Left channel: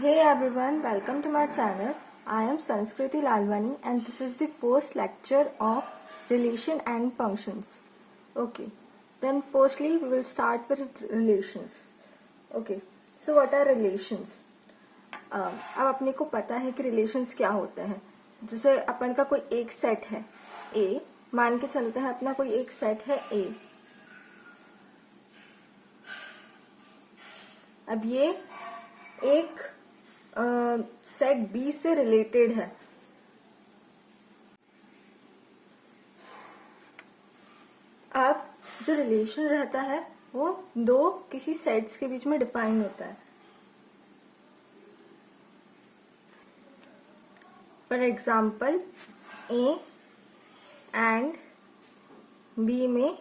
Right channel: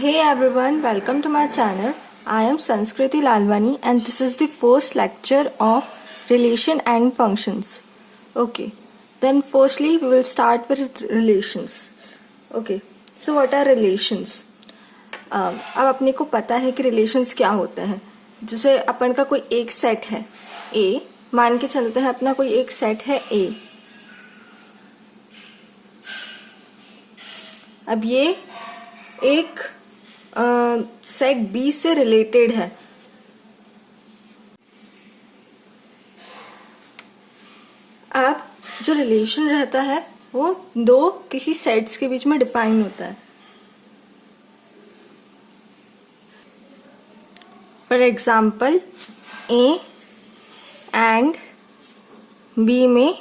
Hey everyone, welcome to my channel. I am Sanskriti Lalwani and this is the first lecture of relation and functions. Okay, then firstly we will start with relations. Okay, so what are relations? अब अपने को पता है कि relations क्या होते हैं. जैसे अपन का कोई एक सेट है A, मान के चलते हैं अपना कोई एक सेट है A. अब ये एक सेट बी से रिलेटेड है. अब जो रिलेशन रहता है वो दो किसी सेट्स के बीच में डिफाइन होता है. For example A and B में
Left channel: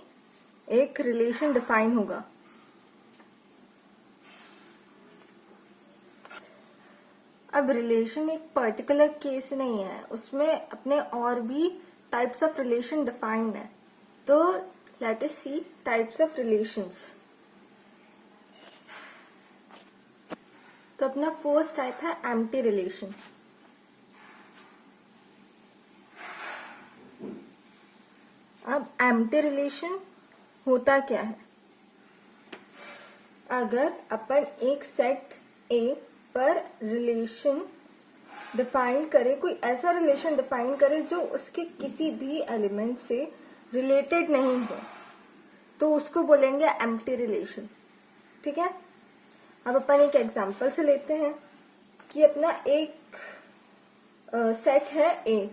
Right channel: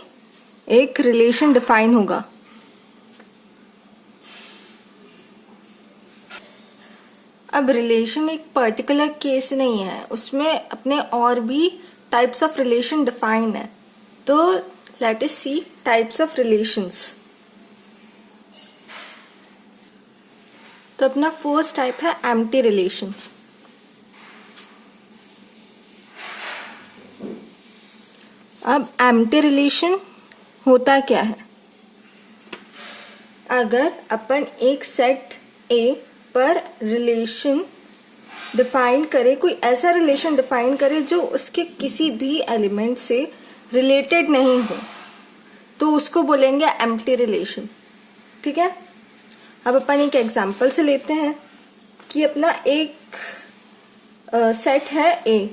एक रिलेशन डिफाइन होगा. अब रिलेशन एक पर्टिकुलर केस नहीं है, उसमें अपने और भी टाइप्स ऑफ रिलेशन डिफाइन है. तो let us see types of relations. तो अपना फर्स्ट टाइप है एम्प्टी रिलेशन. अब एम्प्टी रिलेशन होता क्या है? अगर अपन एक सेट ए पर रिलेशन डिफाइन करे, कोई ऐसा रिलेशन डिफाइन करे जो उसके किसी भी एलिमेंट से रिलेटेड नहीं हो, तो उसको बोलेंगे एम्प्टी रिलेशन. ठीक है. अब अपन एक एग्जांपल से लेते हैं कि अपना एक सेट है ए.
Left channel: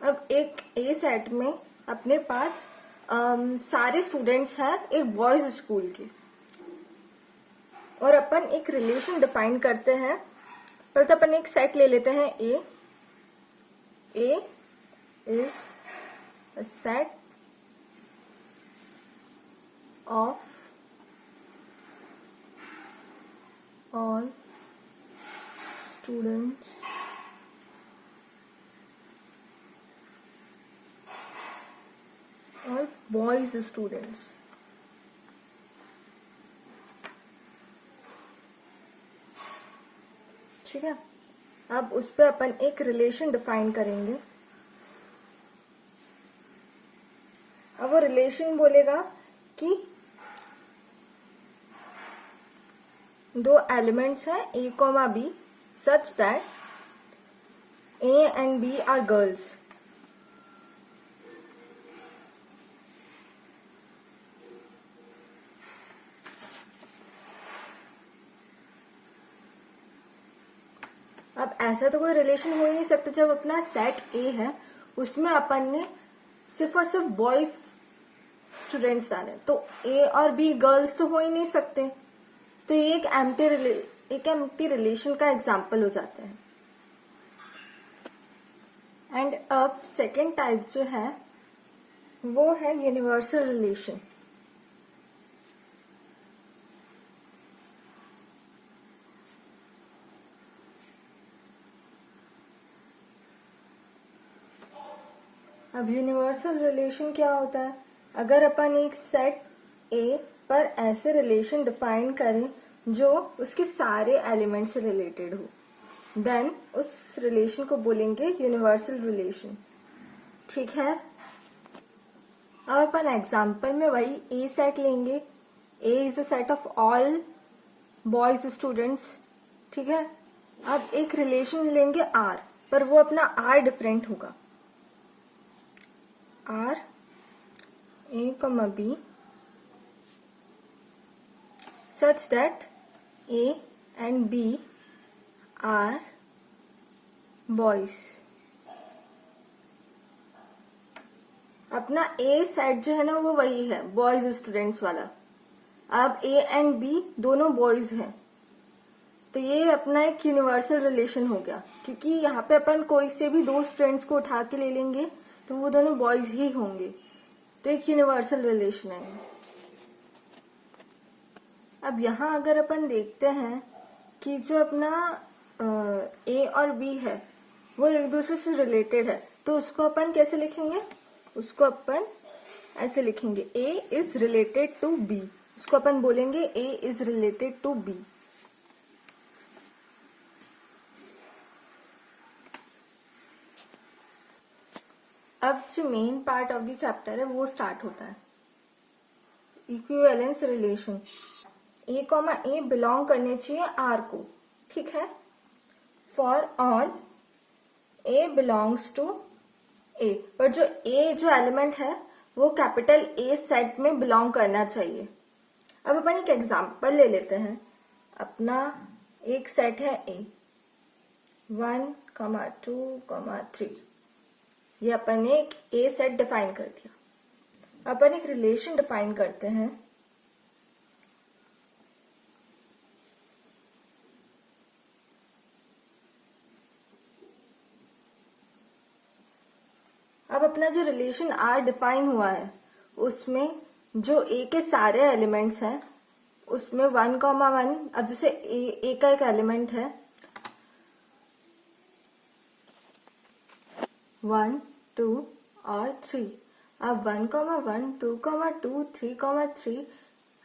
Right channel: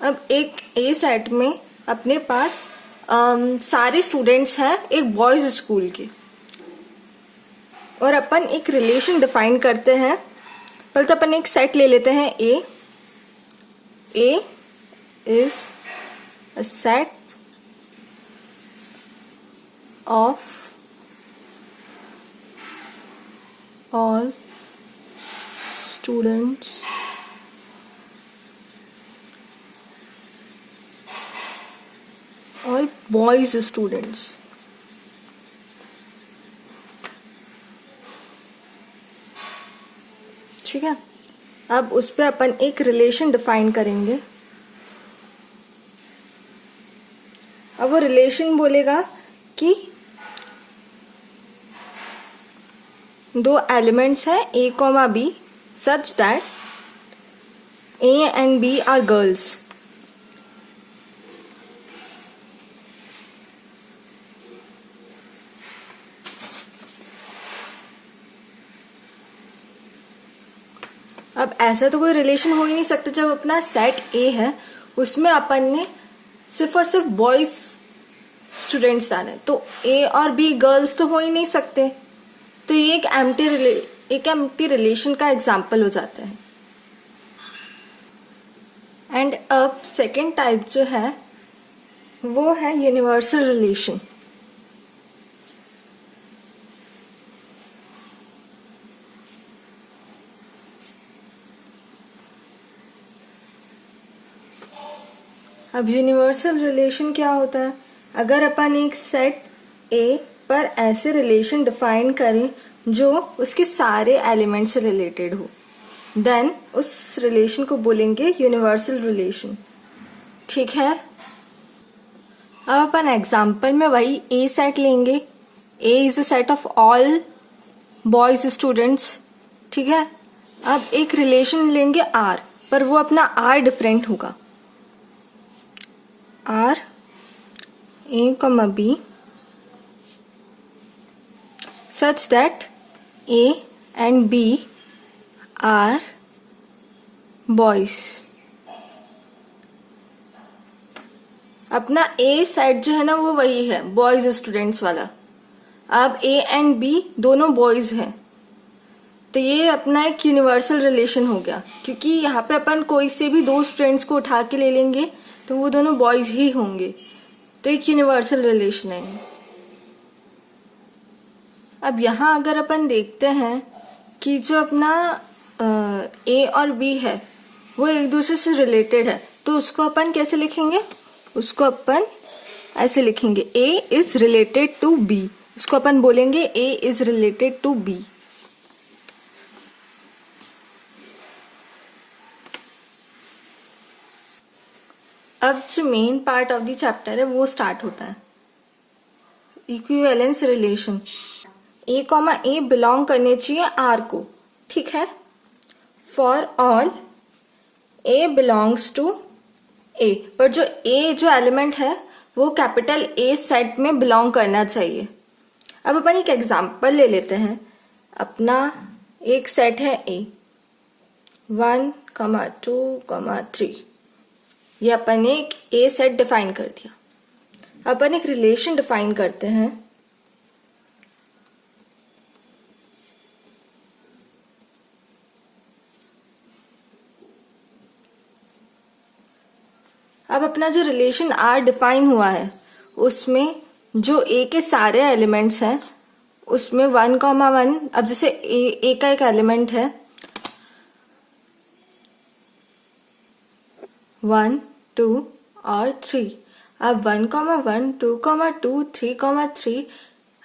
अब एक ए सेट में अपने पास सारे स्टूडेंट्स हैं एक बॉयज स्कूल के, और अपन एक रिलेशन डिफाइन करते हैं. पहले तो अपन एक सेट ले लेते हैं A. A is a set of all students all boys students. ठीक है. अब उस पे अपन एक रिलेशन डिफाइन करेंगे. अब वो रिलेशन बोलेगा कि दो एलिमेंट्स हैं A comma B such that A and B are girls. अब ऐसा तो कोई रिलेशन हो ही नहीं सकता जब अपना सेट ए है उसमें अपन ने सिर्फ और सिर्फ बॉयज स्टूडेंट्स डाले, तो ए और बी गर्ल्स तो हो ही नहीं सकते. तो ये एक एम्प्टी रिलेशन का एग्जाम्पल हो जाता है. एंड अब सेकेंड टाइप जो है वो है यूनिवर्सल रिलेशन. अब यूनिवर्सल रिलेशन क्या होता है? अगर अपन एक सेट ए पर ऐसे रिलेशन डिफाइन करें जो उसके सारे एलिमेंट से रिलेटेड हो, देन उस रिलेशन को बोलेंगे यूनिवर्सल रिलेशन. ठीक है. अब अपन एग्जाम्पल में वही ए सेट लेंगे. A is a set of all boys students. ठीक है. अब एक रिलेशन लेंगे आर, पर वो अपना आर डिफरेंट होगा. R A comma B such that A and B are boys. अपना A सेट जो है ना वो वही है बॉयज स्टूडेंट्स वाला. अब A एंड B दोनों बॉयज हैं, तो ये अपना एक यूनिवर्सल रिलेशन हो गया, क्योंकि यहाँ पे अपन कोई से भी दो स्टूडेंट्स को उठा के ले लेंगे तो वो दोनों बॉयज ही होंगे. तो एक यूनिवर्सल रिलेशन है. अब यहाँ अगर अपन देखते हैं कि जो अपना ए और बी है वो एक दूसरे से रिलेटेड है, तो उसको अपन कैसे लिखेंगे? उसको अपन ऐसे लिखेंगे A is related to B. उसको अपन बोलेंगे A is related to B. अब जो main part of the chapter है वो स्टार्ट होता है, equivalence relation. A comma A belong करने चाहिए आर को, ठीक है। For all A belongs to A, पर जो ए जो एलिमेंट है वो कैपिटल ए सेट में बिलोंग करना चाहिए। अब अपन एक एग्जांपल ले लेते हैं। अपना एक सेट है ए 1, 2, 3, ये अपन ने एक ए सेट डिफाइन कर दिया। अपन एक रिलेशन डिफाइन करते हैं। अब अपना जो रिलेशन आर डिफाइन हुआ है उसमें जो ए के सारे एलिमेंट्स हैं उसमें 1,1, अब जैसे ए का एक एलिमेंट है 1, 2 और 3। अब 1,1, 2,2, 3,3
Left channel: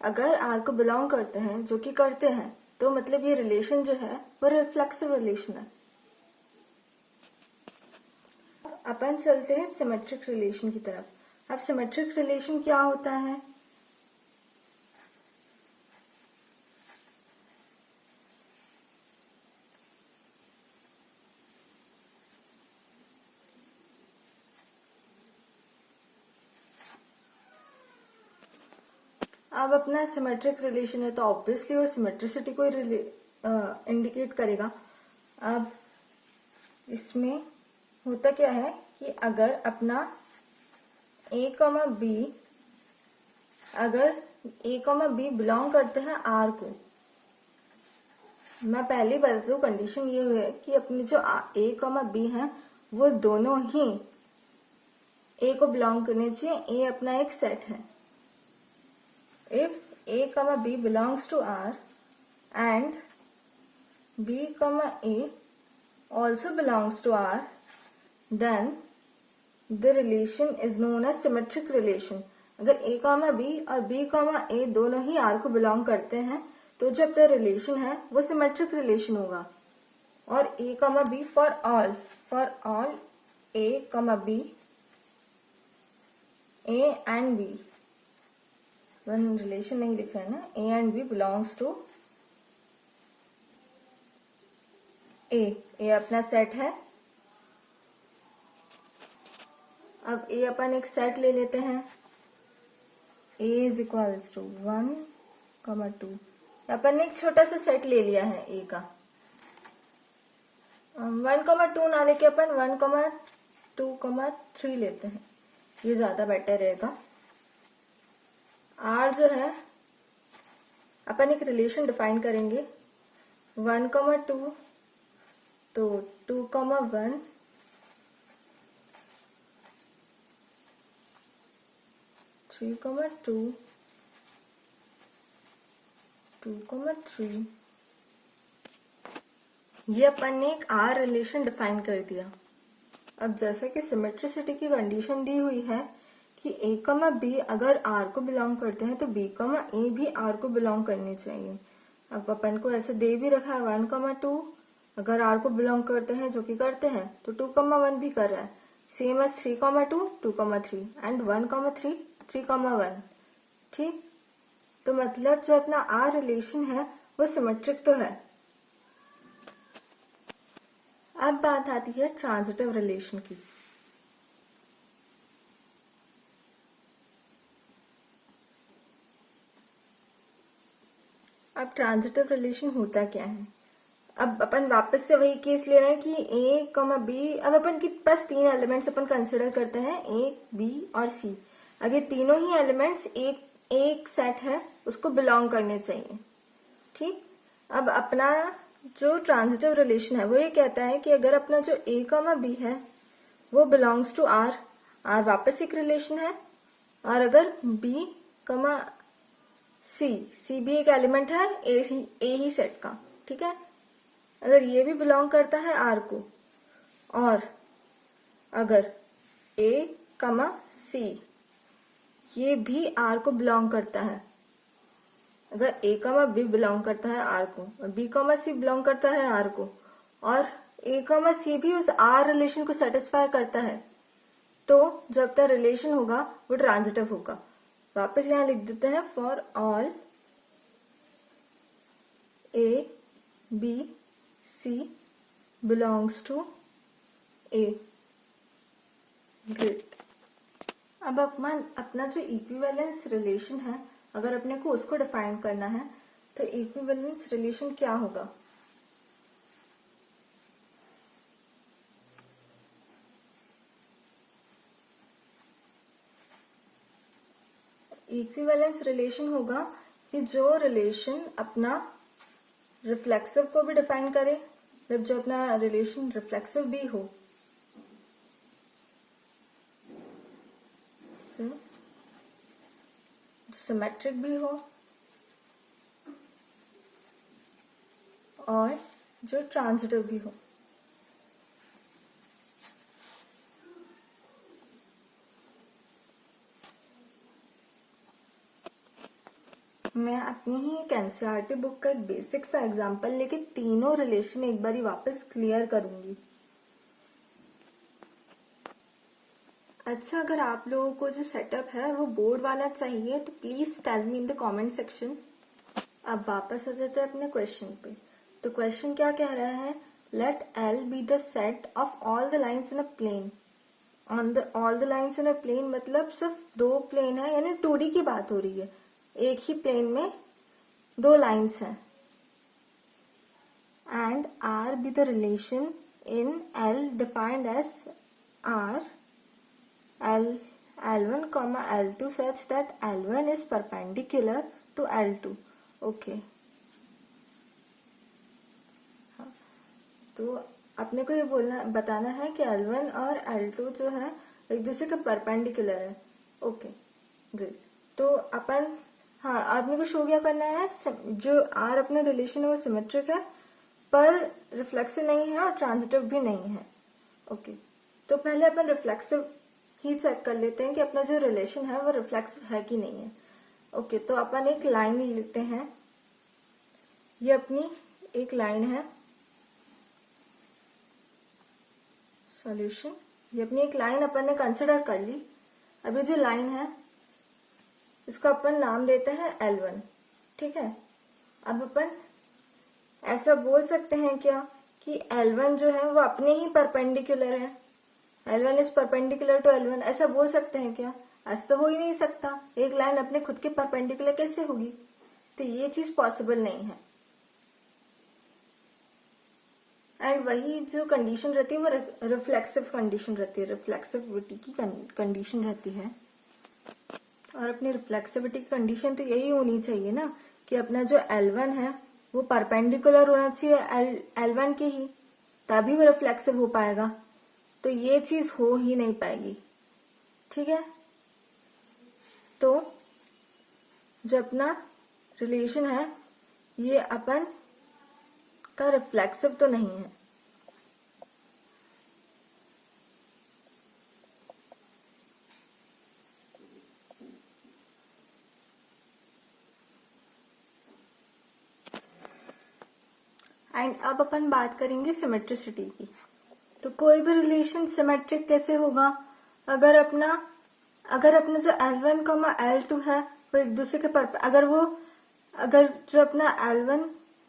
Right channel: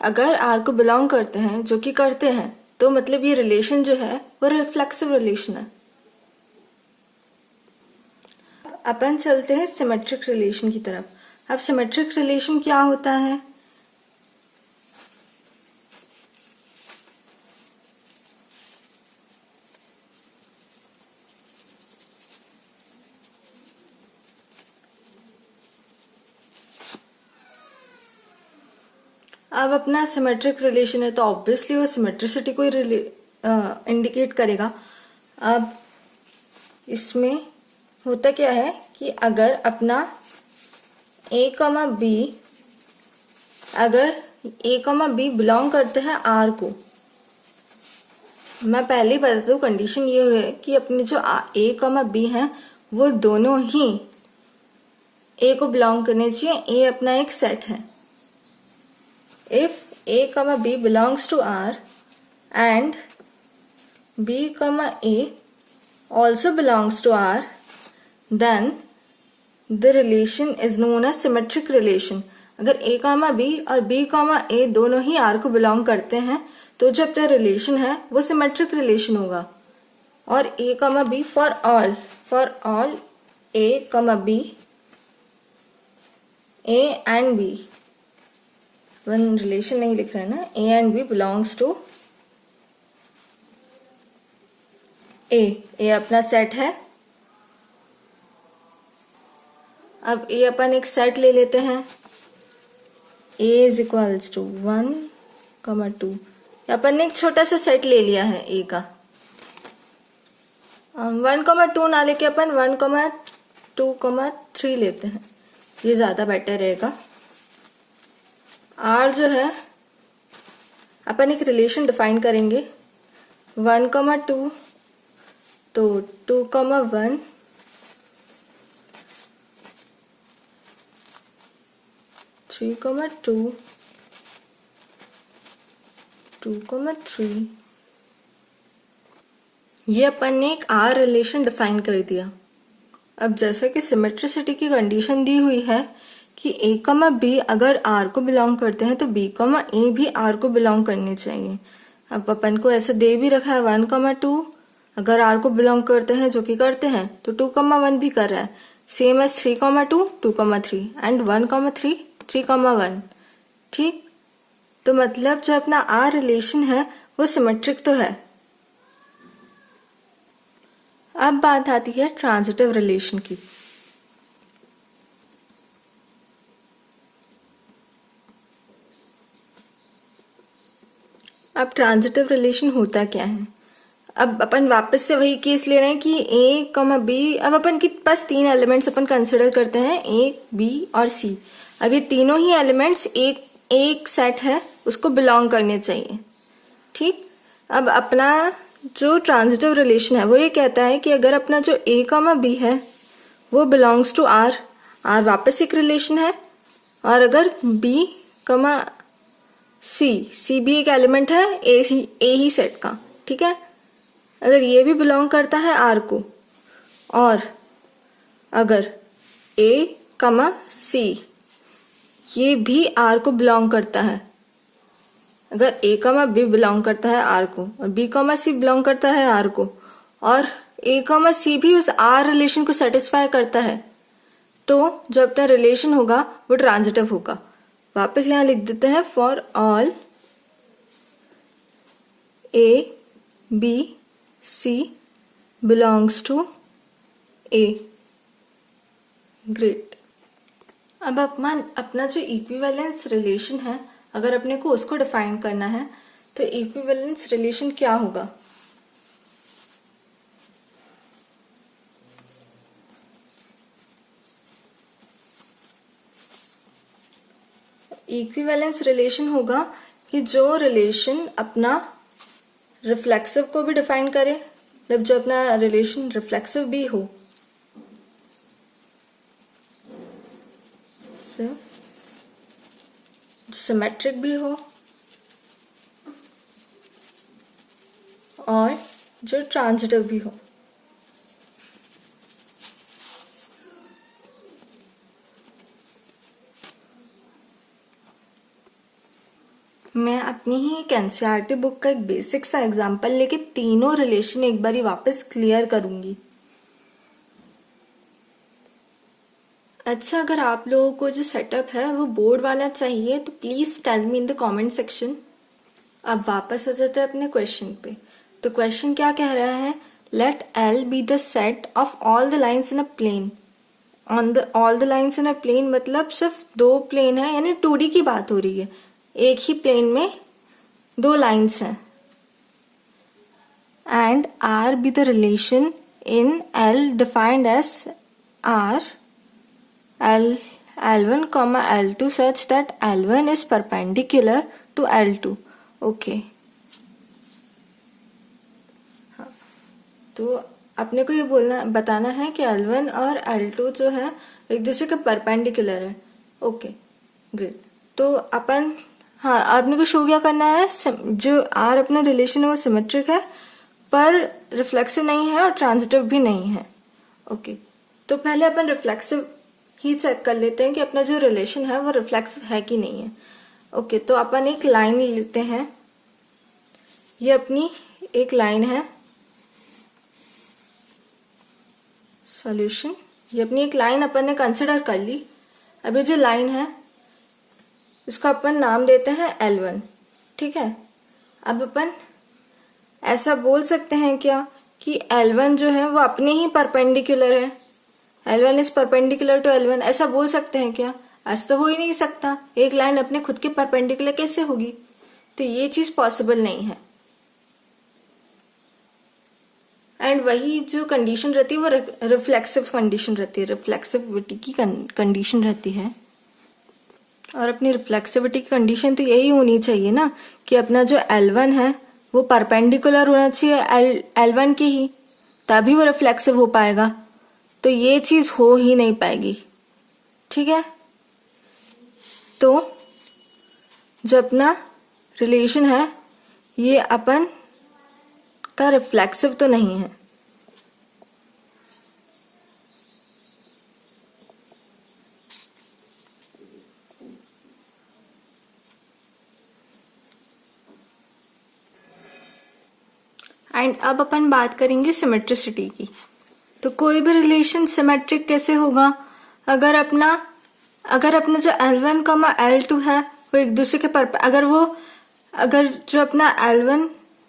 अगर आर को बिलोंग करते हैं, जो कि करते हैं, तो मतलब ये रिलेशन जो है वो रिफ्लेक्सिव रिलेशन है। अपन चलते हैं सिमेट्रिक रिलेशन की तरफ। अब सिमेट्रिक रिलेशन क्या होता है? अब अपना सिमेट्रिक रिलेशन है तो ऑब्वियसली वो सिमेट्रिसिटी को इंडिकेट करेगा। अब इसमें होता क्या है कि अगर अपना ए कॉमा बी, अगर ए कॉमा बी बिलोंग करते हैं आर को, मैं पहले ही बता दूं कंडीशन ये है कि अपने जो ए कॉमा बी हैं वो दोनों ही ए को बिलोंग करने चाहिए। ए अपना एक सेट है। If A comma B belongs to R and B comma A also belongs to R, then the relation is known as symmetric relation। अगर A कॉमा B और B कॉमा A दोनों ही R को belong करते हैं तो जो अपना relation है वो सिमेट्रिक रिलेशन होगा। और A comma B for all A comma B, A and B, one relation नहीं लिख रहे हैं ना, A and B belongs to A अपना सेट है। अब ए अपन एक सेट ले लेते हैं, ए इज इक्वल्स टू 1,2। अपन ने एक छोटा सा सेट ले लिया है ए का। 1,2 ना लेके अपन 1,2,3 लेते हैं, ये ज्यादा बेटर रहेगा। आर जो है अपन एक रिलेशन डिफाइन करेंगे 1,2 तो 2,1, 3,2, 2,3, ये अपन ने एक आर रिलेशन डिफाइन कर दिया। अब जैसा कि सिमेट्रिसिटी की कंडीशन दी हुई है कि ए कमा बी अगर आर को बिलोंग करते हैं तो बी कमा ए भी आर को बिलोंग करने चाहिए। अब अपन को ऐसे दे भी रखा है 1,2 अगर आर को बिलोंग करते हैं, जो कि करते हैं, तो 2,1 भी कर रहा है, सेम एज 3,2, 2,3 एंड 1,3, 3,1। ठीक, तो मतलब जो अपना आर रिलेशन है वो सिमेट्रिक तो है। अब बात आती है ट्रांजिटिव रिलेशन की। अब ट्रांजिटिव रिलेशन होता क्या है? अब अपन वापस से वही केस ले रहे हैं कि ए कॉमा बी। अब अपन के पास 3 एलिमेंट्स अपन कंसिडर करते हैं, ए, बी और सी। अब ये तीनों ही एलिमेंट्स एक सेट है, उसको बिलोंग करने चाहिए। ठीक, अब अपना जो ट्रांजिटिव रिलेशन है वो ये कहता है कि अगर अपना जो ए कॉमा बी है वो बिलोंग्स टू आर, आर वापस एक रिलेशन है, और अगर बी कॉमा सी भी एक एलिमेंट है ए ही सेट का, ठीक है, अगर ये भी बिलोंग करता है आर को, और अगर ए कमा सी ये भी आर को बिलोंग करता है, अगर ए कमा बी बिलोंग करता है आर को और बी कमा सी बिलोंग करता है आर को, और ए कमा सी भी उस आर रिलेशन को सेटिस्फाई करता है, तो जो अपना रिलेशन होगा वो ट्रांजिटिव होगा। वापस यहाँ लिख देते हैं, for all A B C belongs to A. Great. अब अपना जो इक्विवेलेंस रिलेशन है, अगर अपने को उसको डिफाइन करना है तो इक्विवेलेंस रिलेशन क्या होगा? इक्विवेलेंस रिलेशन होगा कि जो रिलेशन अपना रिफ्लेक्सिव को भी डिफाइन करे, मतलब जो अपना रिलेशन रिफ्लेक्सिव भी हो, सिमेट्रिक भी हो और जो ट्रांजिटिव भी हो। मैं अपनी ही एक एनसीईआरटी बुक का एक बेसिक सा एग्जांपल लेके तीनों रिलेशन एक बारी वापस क्लियर करूंगी। अच्छा, अगर आप लोगों को जो सेटअप है वो बोर्ड वाला चाहिए तो please tell me in the comment section. अब वापस आ जाते हैं अपने क्वेश्चन पे। तो क्वेश्चन क्या कह रहा है? Let L be the set of all the lines in a plane. All the lines in a plane मतलब सिर्फ दो प्लेन है, यानी 2D की बात हो रही है। एक ही प्लेन में दो लाइन्स हैं। And R be the relation in L defined as R L1, L2 such that L1 is perpendicular to L2. Okay. हाँ, तो अपने को ये बताना है कि L1 और L2 जो है एक दूसरे के परपेंडिकुलर है। Okay, great. तो हाँ, आपने को शो क्या करना है? जो आर अपना रिलेशन है वो सिमेट्रिक है पर रिफ्लेक्सिव नहीं है और ट्रांजिटिव भी नहीं है। ओके, तो पहले अपन रिफ्लेक्सिव ही चेक कर लेते हैं कि अपना जो रिलेशन है वो रिफ्लेक्सिव है कि नहीं है। ओके, तो अपन एक लाइन लेते हैं। ये अपनी एक लाइन है सॉल्यूशन। ये अपनी एक लाइन अपन ने कंसिडर कर ली। अभी जो लाइन है इसको अपन नाम देते हैं L1। ठीक है। अब अपन ऐसा बोल सकते हैं क्या कि L1 जो है वो अपने ही परपेंडिकुलर है, L1 is perpendicular to L1, ऐसा बोल सकते हैं क्या? ऐसा तो हो ही नहीं सकता। एक लाइन अपने खुद के परपेंडिकुलर कैसे होगी? तो ये चीज पॉसिबल नहीं है। एंड वही जो कंडीशन रहती है वो रिफ्लेक्सिव कंडीशन रहती है, रिफ्लेक्सिविटी की कंडीशन रहती है। और अपनी रिफ्लेक्सिविटी की कंडीशन तो यही होनी चाहिए ना कि अपना जो L1 है वो परपेंडिकुलर होना चाहिए L1 के ही, तभी वो रिफ्लेक्सिव हो पाएगा। तो ये चीज हो ही नहीं पाएगी। ठीक है। तो जो अपना रिलेशन है ये अपन का रिफ्लेक्सिव तो नहीं है। एंड अब अपन बात करेंगे सिमेट्रिसिटी की। तो कोई भी रिलेशन सिमेट्रिक कैसे होगा? अगर अपना जो L1, L2 है वो एक दूसरे के अगर जो अपना L1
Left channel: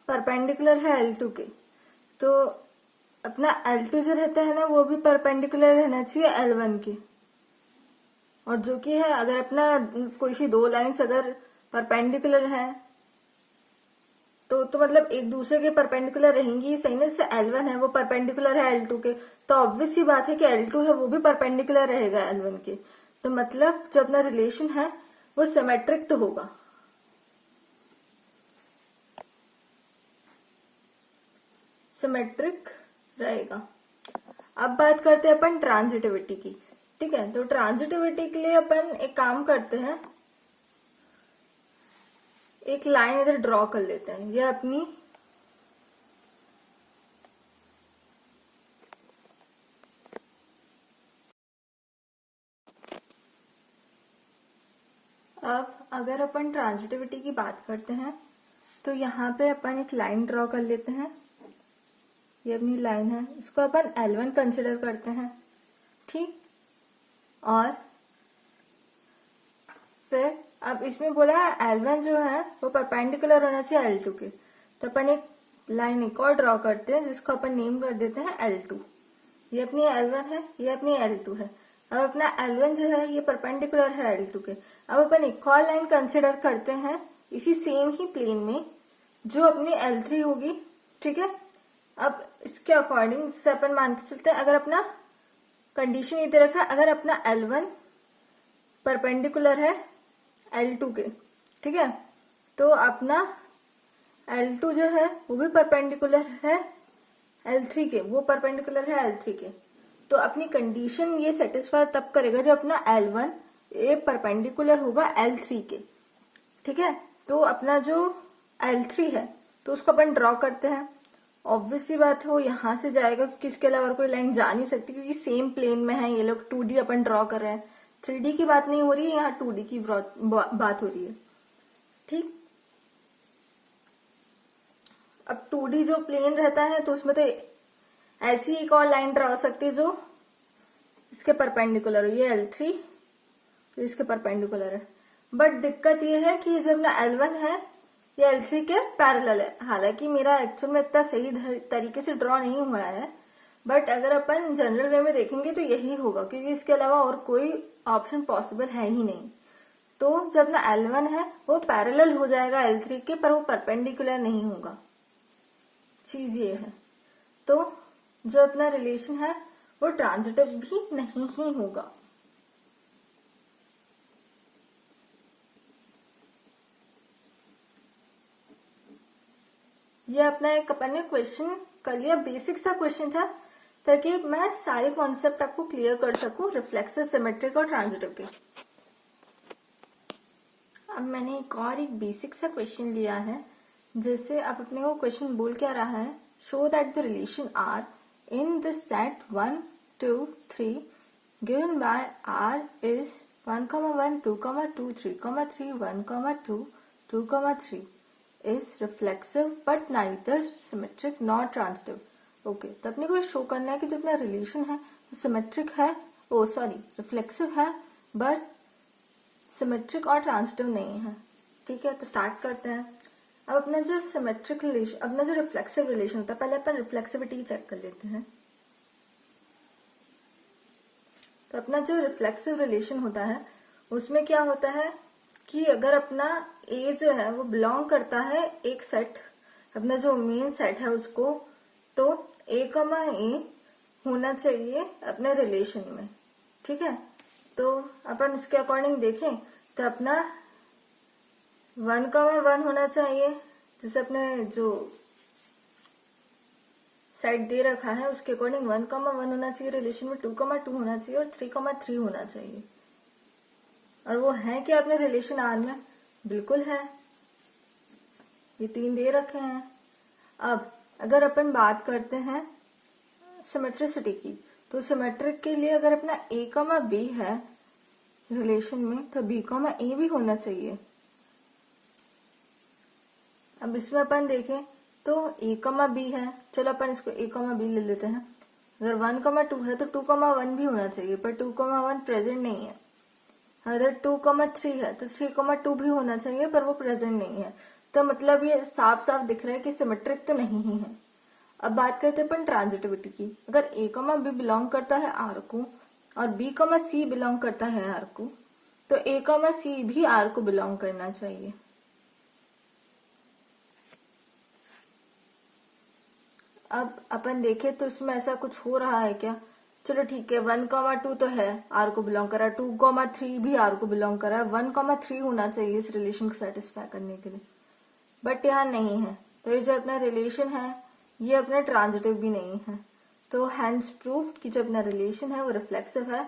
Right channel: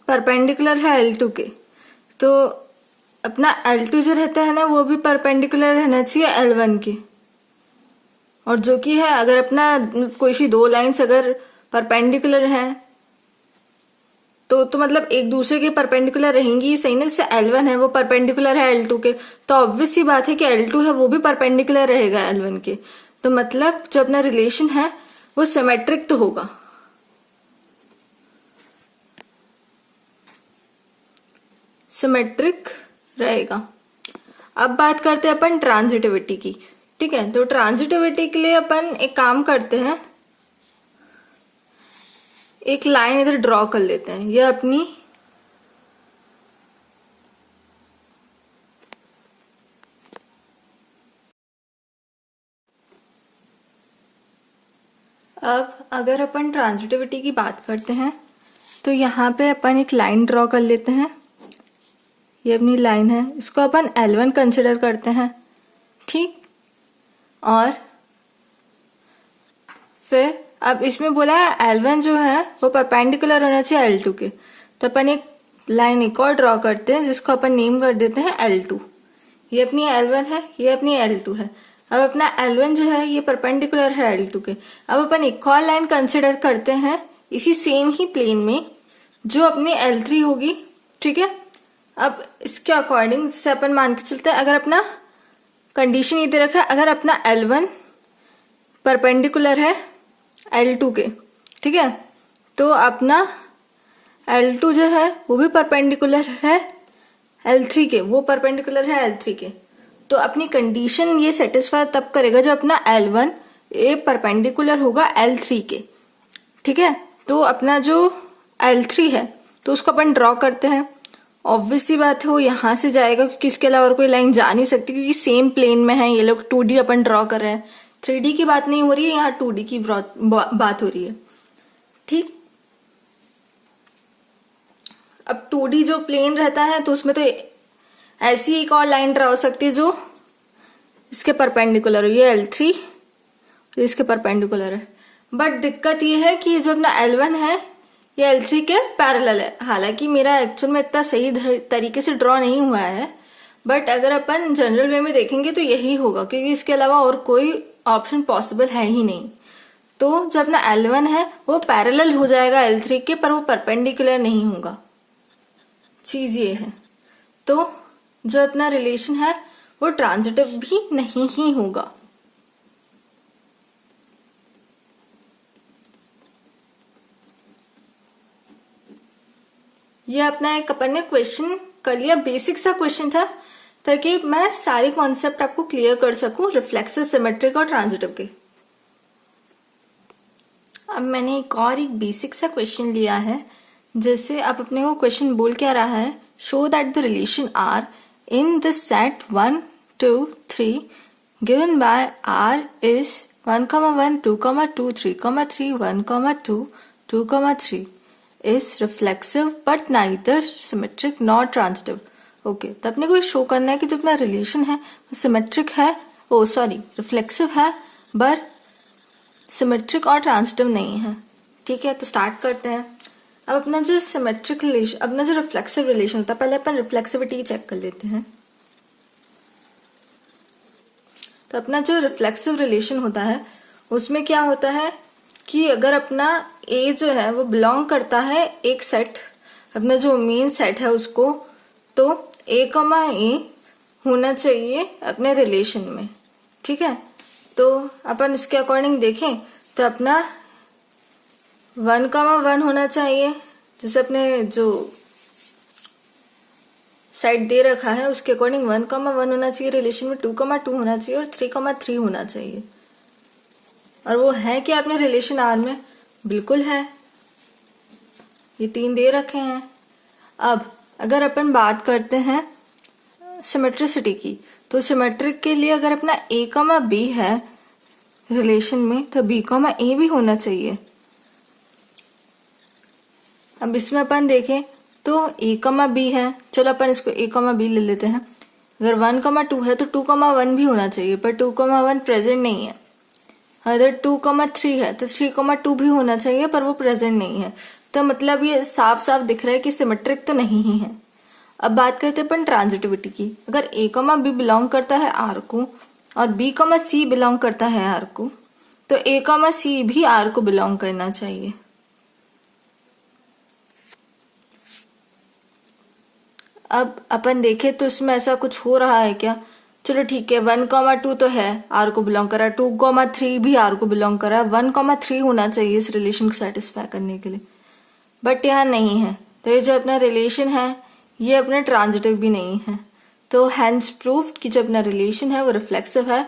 परपेंडिकुलर है L2 के, तो अपना L2 जो रहता है ना वो भी परपेंडिकुलर रहना चाहिए L1 के। और जो कि है, अगर अपना कोई सी दो लाइंस अगर परपेंडिकुलर हैं तो मतलब एक दूसरे के परपेंडिकुलर रहेंगी, सही ना? जैसे L1 है वो परपेंडिकुलर है L2 के, तो ऑब्वियस सी बात है कि L2 है वो भी परपेंडिकुलर रहेगा L1 के। तो मतलब जो अपना रिलेशन है वो सिमेट्रिक तो होगा। सिमेट्रिक रहेगा। अब बात करते हैं अपन ट्रांजिटिविटी की। ठीक है। तो ट्रांजिटिविटी के लिए अपन एक काम करते हैं, एक लाइन इधर ड्रॉ कर लेते हैं। ये अपनी अब अगर अपन ट्रांजिटिविटी की बात करते हैं तो यहाँ पे अपन एक लाइन ड्रॉ कर लेते हैं। ये अपनी लाइन है, इसको अपन L1 कंसिडर करते हैं। ठीक। और फिर अब इसमें बोला है L1 जो है वो परपेंडिकुलर होना चाहिए L2 के, तो अपन एक लाइन एक और ड्रॉ करते हैं जिसको अपन नेम कर देते हैं L2। ये अपनी L1 है, ये अपनी L2 है। अब अपना L1 जो है ये परपेंडिकुलर है L2 के। अब अपन एक और लाइन कंसिडर करते हैं इसी सेम ही प्लेन में जो अपनी L3 होगी, ठीक है। अब इसके अकॉर्डिंग जैसे अपन मान के चलते हैं, अगर अपना कंडीशन ये दे रखा है, अगर अपना L1 परपेंडिकुलर है L2 के, ठीक है, तो अपना L2 जो है वो भी परपेंडिकुलर है L3 के, वो परपेंडिकुलर है L3 के। तो अपनी कंडीशन ये सेटिस्फाई तब करेगा जब अपना L1 ये परपेंडिकुलर होगा L3 के, ठीक है। तो अपना जो L3 है तो उसको अपन ड्रॉ करते हैं। ऑब्वियसली बात है वो यहाँ से जाएगा क्योंकि इसके अलावा और कोई लाइन जा नहीं सकती, क्योंकि सेम प्लेन में है ये लोग। 2D अपन ड्रॉ कर रहे हैं, 3D की बात नहीं हो रही है, यहाँ 2D की बात हो रही है, ठीक। अब 2D जो प्लेन रहता है तो उसमें तो ऐसी एक और लाइन ड्रॉ हो सकती है जो इसके परपेंडिकुलर हो, ये L3 तो इसके परपेंडिकुलर है। बट दिक्कत ये है कि जो अपना L1 है ये L3 के पैरेलल है। हालांकि मेरा एक्चुअल में इतना सही तरीके से ड्रॉ नहीं हुआ है, बट अगर अपन जनरल वे में देखेंगे तो यही होगा, क्योंकि इसके अलावा और कोई ऑप्शन पॉसिबल है ही नहीं। तो जो अपना L1 है वो पैरेलल हो जाएगा L3 के, पर वो परपेंडिकुलर नहीं होगा। चीज ये है। तो जो अपना रिलेशन है वो ट्रांजिटिव भी नहीं ही होगा। ये अपना एक अपन ने क्वेश्चन कर लिया, बेसिक सा क्वेश्चन था, ताकि मैं सारे कॉन्सेप्ट आपको क्लियर कर सकूं रिफ्लेक्सिव, सिमेट्रिक और ट्रांजिटिव के। अब मैंने एक बेसिक सा क्वेश्चन लिया है, जैसे अब अपने को क्वेश्चन बोल क्या रहा है, show that the relation R in the set 1 2 3 given by R is 1, 1, 2, 2, 3, 3, 1, 2, 2, 3 is reflexive but neither symmetric nor transitive। Okay, तो अपने को ये शो करना है कि जो अपना रिलेशन है वो सिमेट्रिक है, रिफ्लेक्सिव है, पर सिमेट्रिक और ट्रांजिटिव नहीं है, ठीक है। तो स्टार्ट करते हैं। अब अपना जो सिमेट्रिक रिलेशन, अपना जो रिफ्लेक्सिव रिलेशन होता है, पहले अपन रिफ्लेक्सिविटी चेक कर लेते हैं। तो अपना जो रिफ्लेक्सिव रिलेशन होता है उसमें क्या होता है कि अगर अपना ए जो है वो बिलोंग करता है एक सेट, अपना जो मेन सेट है उसको, तो ए होना चाहिए अपने रिलेशन में, ठीक है। तो अपन इसके अकॉर्डिंग देखें तो अपना 1, 1 होना चाहिए, जैसे अपने जो सेट दे रखा है उसके अकॉर्डिंग 1, 1 होना चाहिए रिलेशन में, 2, 2 होना चाहिए और 3, 3 होना चाहिए। और वो है कि अपने रिलेशन आर में बिल्कुल है, ये 3 दे रखे हैं। अब अगर अपन बात करते हैं सिमेट्रिसिटी की, तो सिमेट्रिक के लिए अगर अपना A, B है रिलेशन में, तो B, A भी होना चाहिए। अब इसमें अपन देखें तो A, B है, चलो अपन इसको A, B ले लेते हैं। अगर 1, 2 है तो 2, 1 भी होना चाहिए, पर 2, 1 प्रेजेंट नहीं है। अगर 2, 3 है तो 3, 2 भी होना चाहिए, पर वो प्रेजेंट नहीं है। तो मतलब ये साफ साफ दिख रहा है कि सिमेट्रिक तो नहीं ही है। अब बात करते हैं अपन ट्रांजिटिविटी की। अगर A, B बिलोंग करता है R को और B, C बिलोंग करता है R को, तो A, C भी R को बिलोंग करना चाहिए। अब अपन देखें तो इसमें ऐसा कुछ हो रहा है क्या? चलो ठीक है, 1, 2 तो है, R को बिलोंग कर रहा है, 2, 3 भी R को बिलोंग कर रहा है, 1, 3 होना चाहिए इस रिलेशन को सेटिस्फाई करने के लिए, बट यहाँ नहीं है। तो ये जो अपना रिलेशन है ये अपना ट्रांजिटिव भी नहीं है। तो हैंस प्रूव कि जो अपना रिलेशन है वो रिफ्लेक्सिव है,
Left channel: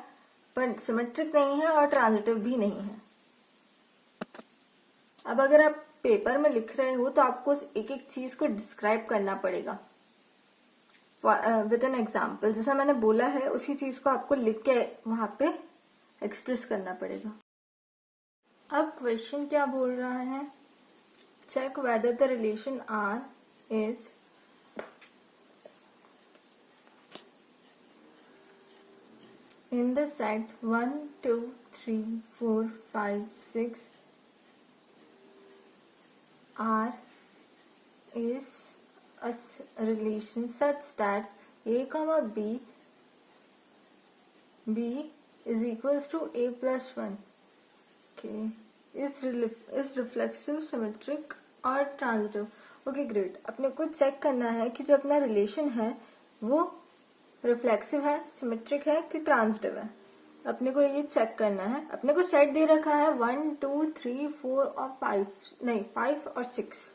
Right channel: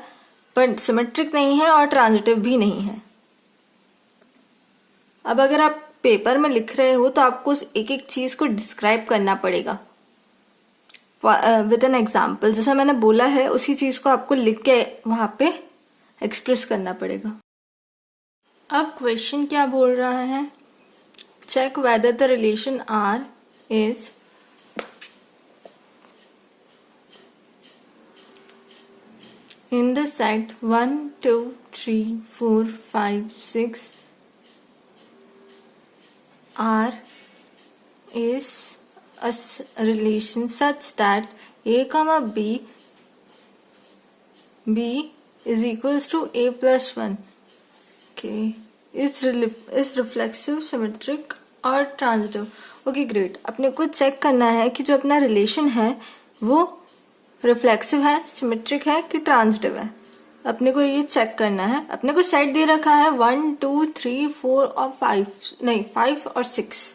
पर सिमेट्रिक नहीं है और ट्रांजिटिव भी नहीं है। अब अगर आप पेपर में लिख रहे हो तो आपको एक एक चीज को डिस्क्राइब करना पड़ेगा विद एन एग्जाम्पल। जैसा मैंने बोला है उसी चीज को आपको लिख के वहां पे एक्सप्रेस करना पड़ेगा। अब क्वेश्चन क्या बोल रहा है, check whether the relation R is in the set 1 2 3 4 5 6 R is a relation such that a comma b is equals to a plus 1. Okay, is reflexive, symmetric और ट्रांजिटिव. Okay great. अपने को check करना है कि जो अपना relation है वो रिफ्लेक्सिव है, सिमेट्रिक है कि ट्रांजिटिव है. अपने को ये चेक करना है. अपने को सेट दे रखा है 1 2 3 4 और 5, नहीं 5 और 6.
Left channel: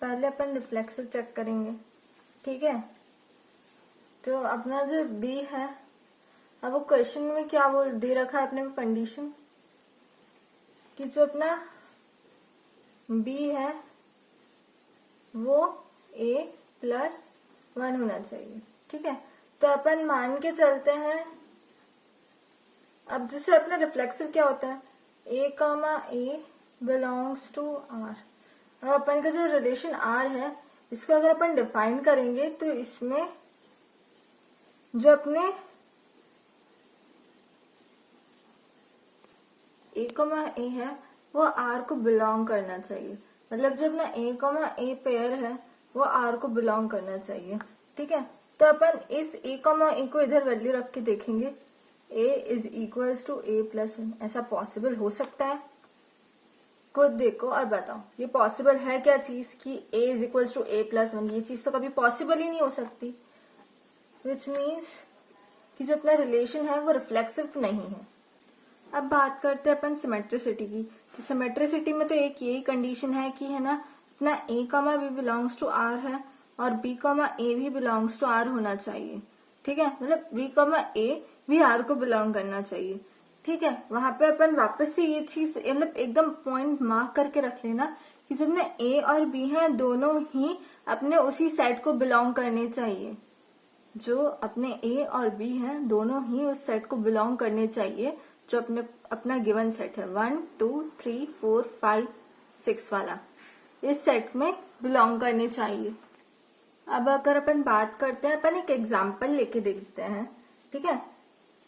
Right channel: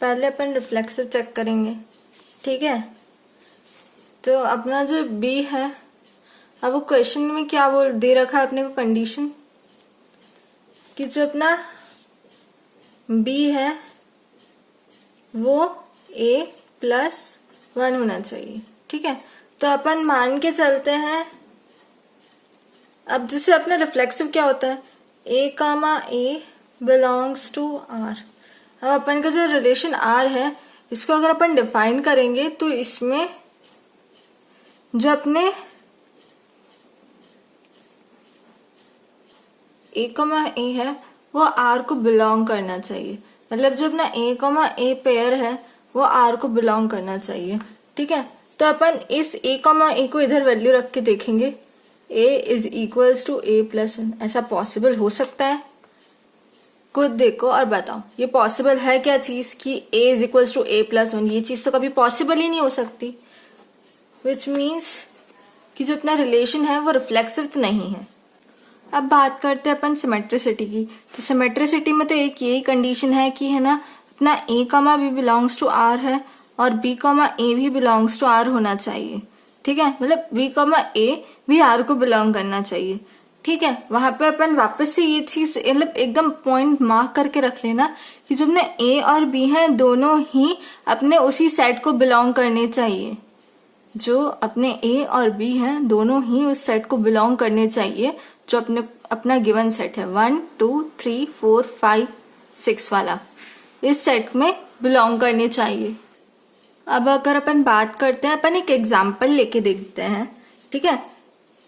पहले अपन रिफ्लेक्सिव चेक करेंगे. ठीक है, तो अपना जो बी है, अब वो क्वेश्चन में क्या बोल दे रखा है अपने को कंडीशन कि जो अपना बी है वो a प्लस 1 होना चाहिए. ठीक है, तो अपन मान के चलते हैं. अब जैसे अपना रिफ्लेक्सिव क्या होता है, a comma a belongs to r. अब अपन का जो रिलेशन r है इसको अगर अपन डिफाइन करेंगे तो इसमें जो अपने a कमा a है वो r को बिलोंग करना चाहिए. मतलब जो अपना a कमा a पेयर है वो r को बिलोंग करना चाहिए. ठीक है, तो अपन इस a कमा a को इधर वैल्यू रख के देखेंगे. a is equals to a plus 1. ऐसा पॉसिबल हो सकता है? खुद देखो और बताओ ये पॉसिबल है क्या चीज कि a is equals to a plus 1. ये चीज तो कभी पॉसिबल ही नहीं हो सकती. विच मीन्स कि जो अपना रिलेशन है वो रिफ्लेक्सिव तो नहीं है. अब बात करते हैं अपन सिमेट्रिसिटी की. तो सिमेट्रिसिटी में तो एक यही कंडीशन है कि है ना, अपना a कमा b बिलोंग्स टू r है और b कमा a भी बिलोंग्स टू r होना चाहिए. ठीक है, मतलब b कमा a भी r को बिलोंग करना चाहिए. ठीक है, वहां पे अपन वापस से ये चीज मतलब एकदम पॉइंट मार्क करके रख लेना कि जो अपने a और b हैं दोनों ही अपने उसी सेट को बिलोंग करने चाहिए. जो अपने a और b हैं दोनों ही उस सेट को बिलोंग करने चाहिए जो अपना गिवन सेट है 1 2 3 4 5 6 वाला. इस सेट में बिलोंग करने चाहिए. अब अगर अपन बात करते हैं, अपन एक एग्जाम्पल लेके देखते हैं. ठीक है,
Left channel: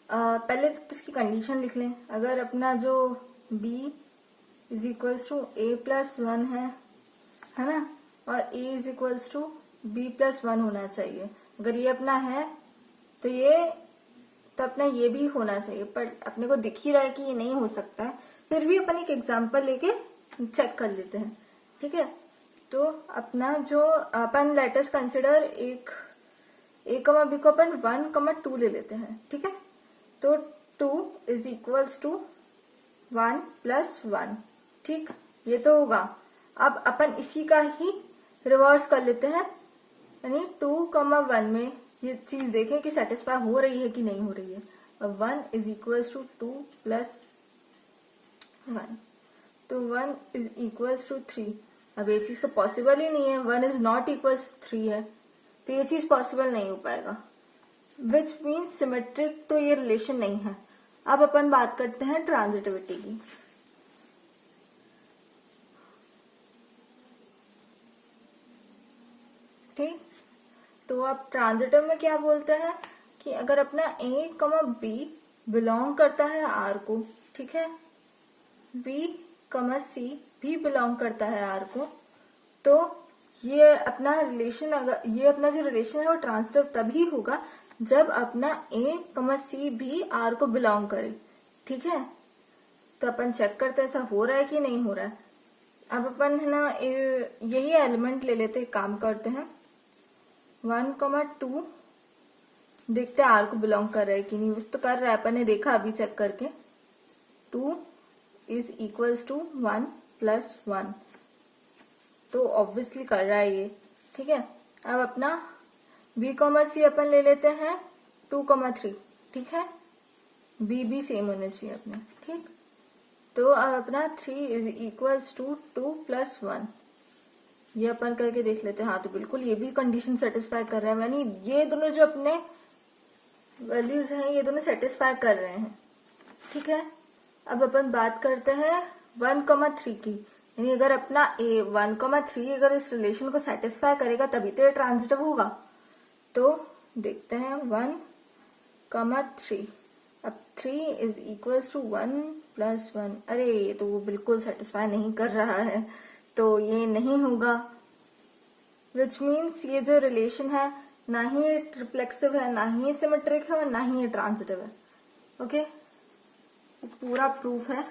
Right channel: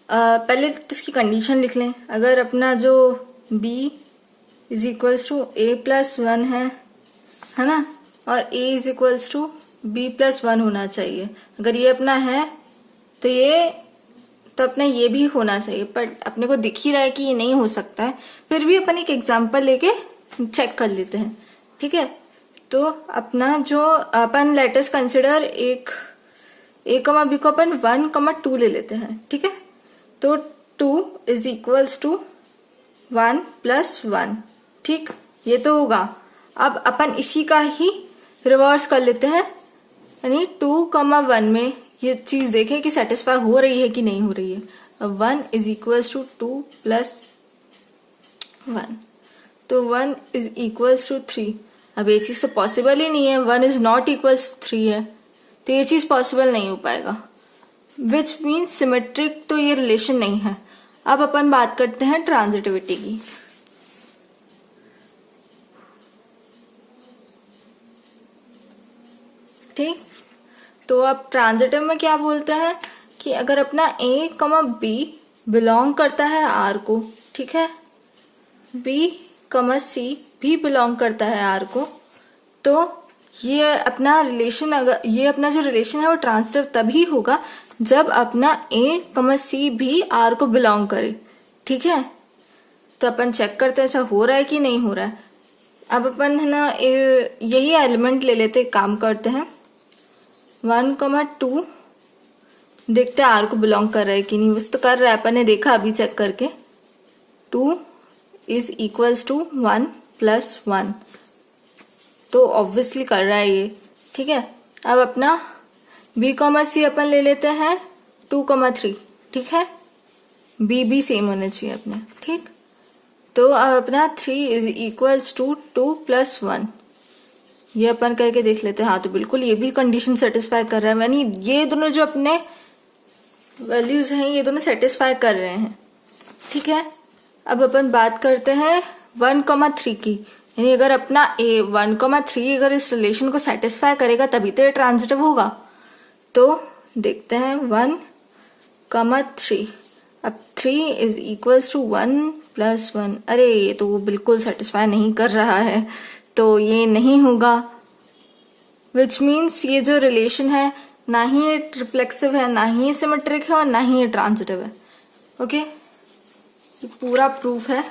पहले तो इसकी कंडीशन लिख लें. अगर अपना जो b is equals to a plus 1 है ना, और a is equals to b plus 1 होना चाहिए. अगर ये अपना है तो अपना ये भी होना चाहिए, पर अपने को दिख ही रहा है कि ये नहीं हो सकता है. फिर भी अपन एक एग्जाम्पल लेके चेक कर लेते हैं. ठीक है, तो अपना जो अपन लेटेस्ट कंसिडर एक a कमा b को अपन 1 कमा 2 ले लेते हैं. ठीक है, तो 2 इज इक्वल्स टू 1 प्लस 1. ठीक, ये तो होगा. अब अपन इसी का ही रिवर्स कर लेते हैं, यानी 2 कमा 1 में ये चीज देखें कि सेटिस्फाई हो रही है कि नहीं हो रही है. अब 1 इज इक्वल्स टू 2 प्लस 1, तो 1 इज इक्वल्स टू 3. अब ये चीज तो पॉसिबल ही नहीं है. 1 इज नॉट इक्वल्स 3 है, तो ये चीज पॉसिबल नहीं हो पाएगा. विच मीन्स सिमेट्रिक तो ये रिलेशन नहीं है. अब अपन बात करते हैं ट्रांजिटिविटी की. ठीक, तो अब ट्रांजिटिव में क्या बोलते हैं कि अगर अपना a कमा b बिलोंग करता है r को, ठीक है, b कमा c भी बिलोंग करता है r को, तो ये अपना रिलेशन, अगर ये अपना जो रिलेशन है वो ट्रांजिटिव तभी होगा जब अपना a कमा c भी r को बिलोंग करे. ठीक है, तो अपन चेक करते हैं ऐसा हो रहा है कि नहीं हो रहा है. अब अपन है ना यही एलिमेंट ले लेते, काम करते हैं 1 कमा 2, देखते हैं आर को बिलोंग कर रहा है कि नहीं. बस तो कर रहा है, अपन ने देखा अभी चेक करके. 2 इज इक्वल्स टू 1 प्लस 1, तो ऑब्वियसली कर रहा है ये. ठीक है, अब अपना b कमा सी अपन ले लेते हैं 2 कमा 3. ठीक है, b भी सेम होने चाहिए अपने. ठीक, तो अब अपना 3 इज इक्वल्स टू 2 प्लस 1. ये अपन करके देख लेते हैं. हाँ, तो बिल्कुल ये भी कंडीशन सेटिस्फाई कर रहा है, यानी ये दोनों जो अपने वैल्यूज हैं ये दोनों सेटिस्फाई कर रहे हैं. ठीक है, अब अपन बात करते हैं 1 कमा 3 की. यानी अगर अपना a 1 कमा 3 अगर इस रिलेशन को सेटिस्फाई करेगा तभी तो ये ट्रांजिटिव होगा. तो देखते हैं 1,3। अब 3 इज इक्वल्स टू 1 + 1। अरे ये तो वो बिल्कुल सेटिस्फाई नहीं कर रहा है, तो ये नहीं होगा। विच मीन्स ये जो रिलेशन है ना ही ये रिफ्लेक्सिव है, ना ही ये सिमेट्रिक है और ना ही ये ट्रांजिटिव है। ओके, ये पूरा प्रूफ है।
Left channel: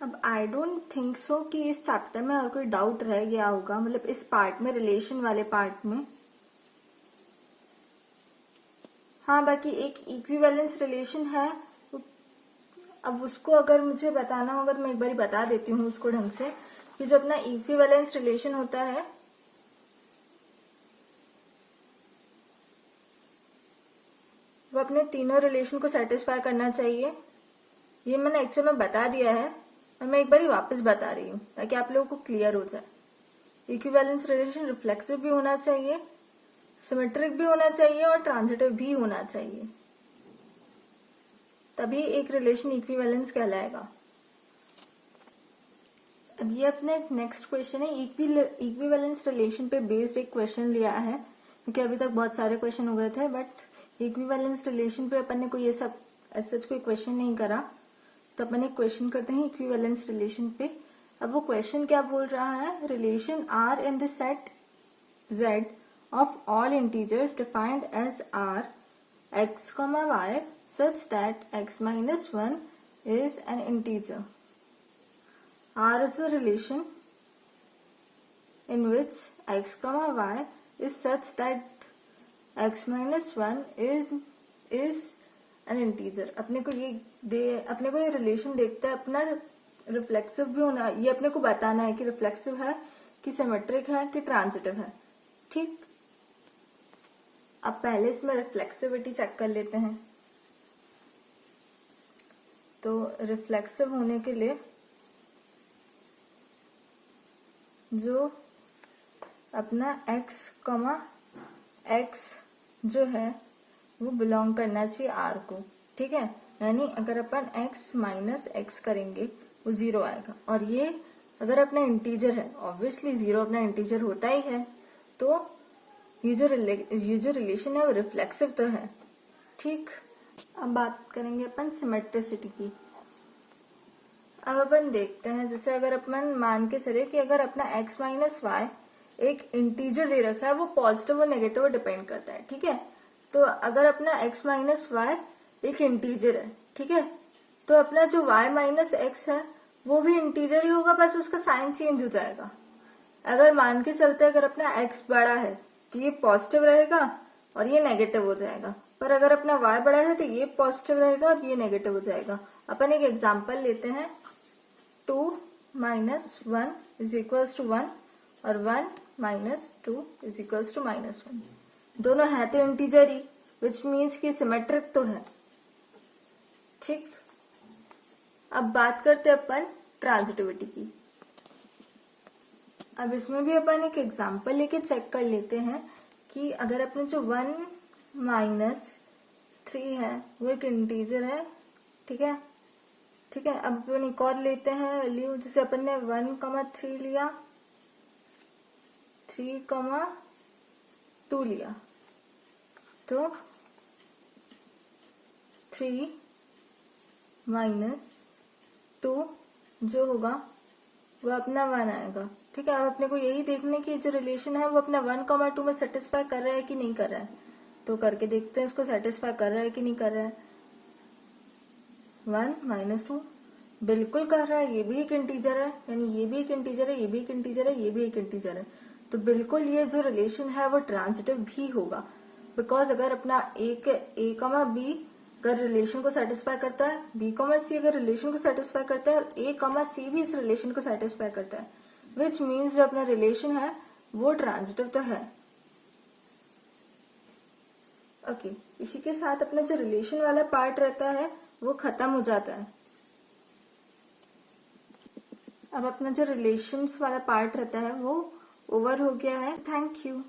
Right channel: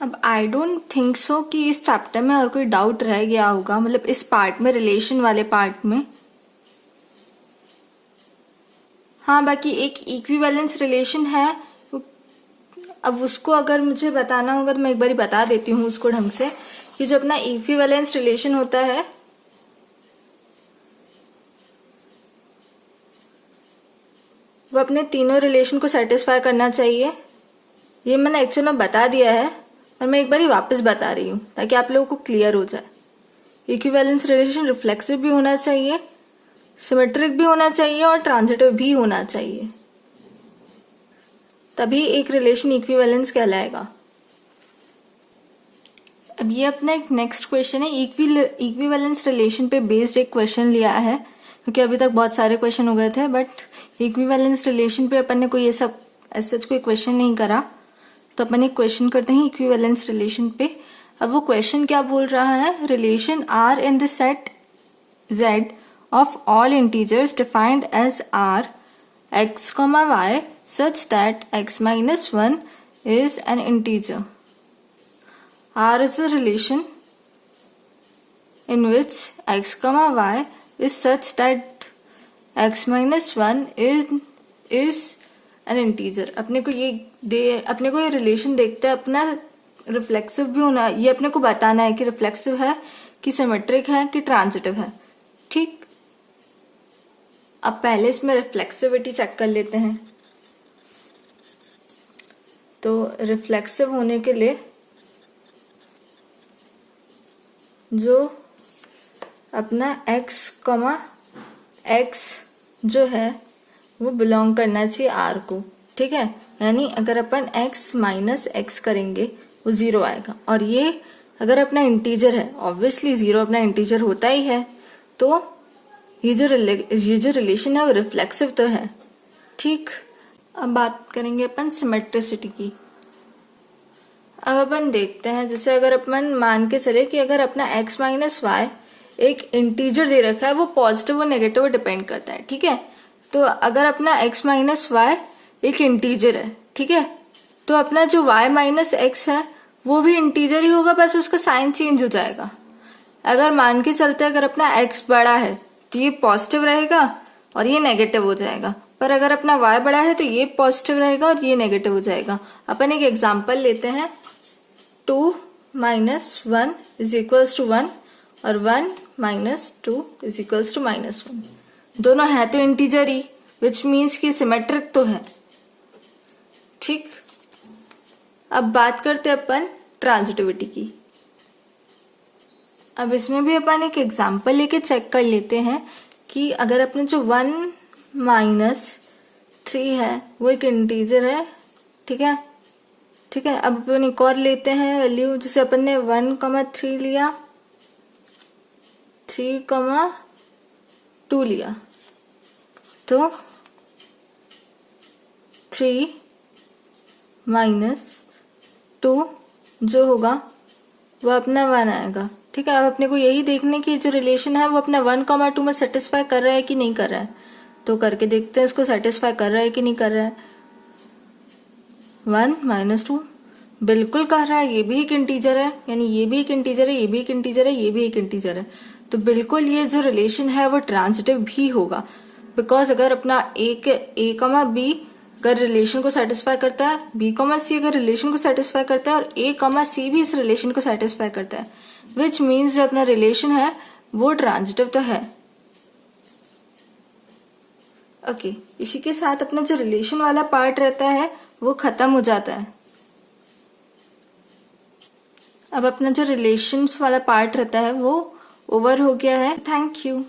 अब आई डोंट थिंक सो कि इस चैप्टर में और कोई डाउट रह गया होगा, मतलब इस पार्ट में, रिलेशन वाले पार्ट में। हाँ, बाकी एक इक्विवेलेंस रिलेशन है, अब उसको अगर मुझे बताना होगा तो मैं एक बार बता देती हूँ उसको ढंग से, कि जो अपना इक्विवेलेंस रिलेशन होता है वो अपने तीनों रिलेशन को सेटिस्फाई करना चाहिए। ये मैंने एक्चुअल में बता दिया है, और मैं एक बार वापस बता रही हूँ ताकि आप लोगों को क्लियर हो जाए। इक्विवेलेंस रिलेशन रिफ्लेक्सिव भी होना चाहिए, सिमेट्रिक भी होना चाहिए और ट्रांजिटिव भी होना चाहिए, तभी एक रिलेशन इक्विवेलेंस कहलाएगा। अब ये अपना एक नेक्स्ट क्वेश्चन है, इक्विवेलेंस रिलेशन पे बेस्ड एक क्वेश्चन लिया है, क्योंकि अभी तक बहुत सारे क्वेश्चन हो गए थे, बट इक्विवेलेंस रिलेशन पे अपन ने कोई ये सब ऐसा कोई क्वेश्चन नहीं करा, तो अपन एक क्वेश्चन करते हैं इक्विवेलेंस रिलेशन पे। अब वो क्वेश्चन क्या बोल रहा है, relation R in the set Z of all integers defined as R x, y such that x minus 1 is an integer. R is a relation in which x, y is such that x minus 1 is an integer. अपने को ये relation देखते हैं, अपना reflexive भी होना, ये अपने को बताना है कि रिफ्लेक्सिव है कि सिमेट्रिक है कि ट्रांजिटिव है। ठीक, अब पहले इसमें रिफ्लेक्सिविटी चेक कर लेते हैं। तो रिफ्लेक्सिव होने के लिए जो अपना x जो है वो बिलोंग करना चाहिए R को, ठीक है। यानी अगर अपन x माइनस एक्स करेंगे वो 0 आएगा, और ये अगर अपना इंटीजर है, ऑब्वियसली 0 अपना इंटीजर होता ही है, तो ये जो रिलेशन है वो रिफ्लेक्सिव तो है। ठीक, अब बात करेंगे अपन सिमेट्रिसिटी की। अब अपन देखते हैं, जैसे अगर अपन मान के चले कि अगर अपना x माइनस वाई एक इंटीजर दे रखा है, वो पॉजिटिव और नेगेटिव डिपेंड करता है, ठीक है। तो अगर अपना x माइनस वाई एक इंटीजर है, ठीक है, तो अपना जो y माइनस एक्स है वो भी इंटीजर ही होगा, बस उसका साइन चेंज हो जाएगा। अगर मान के चलते अगर अपना x बड़ा है तो ये पॉजिटिव रहेगा और ये नेगेटिव हो जाएगा, पर अगर अपना y बड़ा है तो ये पॉजिटिव रहेगा और ये नेगेटिव हो जाएगा। अपन एक एग्जांपल लेते हैं, 2 माइनस 1 इज इक्वल्स टू 1 और 1 minus 2 is equals to minus 1। दोनों है तो इंटीजर ही, विच मीन्स कि सिमेट्रिक तो है। ठीक, अब बात करते हैं अपन ट्रांजिटिविटी की। अब इसमें भी अपन एक एग्जांपल लेके चेक कर लेते हैं कि अगर अपने जो 1 माइनस 3 है वो एक इंटीजर है, ठीक है। ठीक है, अब अपन एक और लेते हैं वैल्यू, जैसे अपन ने 1,3 लिया, 3,2 लिया, तो 3 माइनस 2 जो होगा वो अपना 1 आएगा, ठीक है। अब अपने को यही देखने की जो रिलेशन है वो अपना 1,2 में सेटिस्फाई कर रहा है कि नहीं कर रहा है, तो करके देखते हैं इसको सेटिस्फाई कर रहा है कि नहीं कर रहा है। 1 माइनस 2 बिल्कुल कर रहा है, ये भी एक इंटीजर है, यानी ये भी एक इंटीजर है, ये भी एक इंटीजर है, ये भी एक इंटीजर है, तो बिल्कुल ये जो रिलेशन है वो ट्रांजिटिव भी होगा। बिकॉज अगर अपना ए कमा बी अगर रिलेशन को सेटिस्फाई करता है, बी कमा सी अगर रिलेशन को सेटिस्फाई करता है, और ए कमा सी भी इस रिलेशन को सेटिस्फाई करता है, विच मीन्स जो अपना रिलेशन है वो ट्रांजिटिव तो है। ओके, इसी के साथ अपना जो रिलेशन वाला पार्ट रहता है वो खत्म हो जाता है। अब अपना जो रिलेशंस वाला पार्ट रहता है वो ओवर हो गया है। Thank you.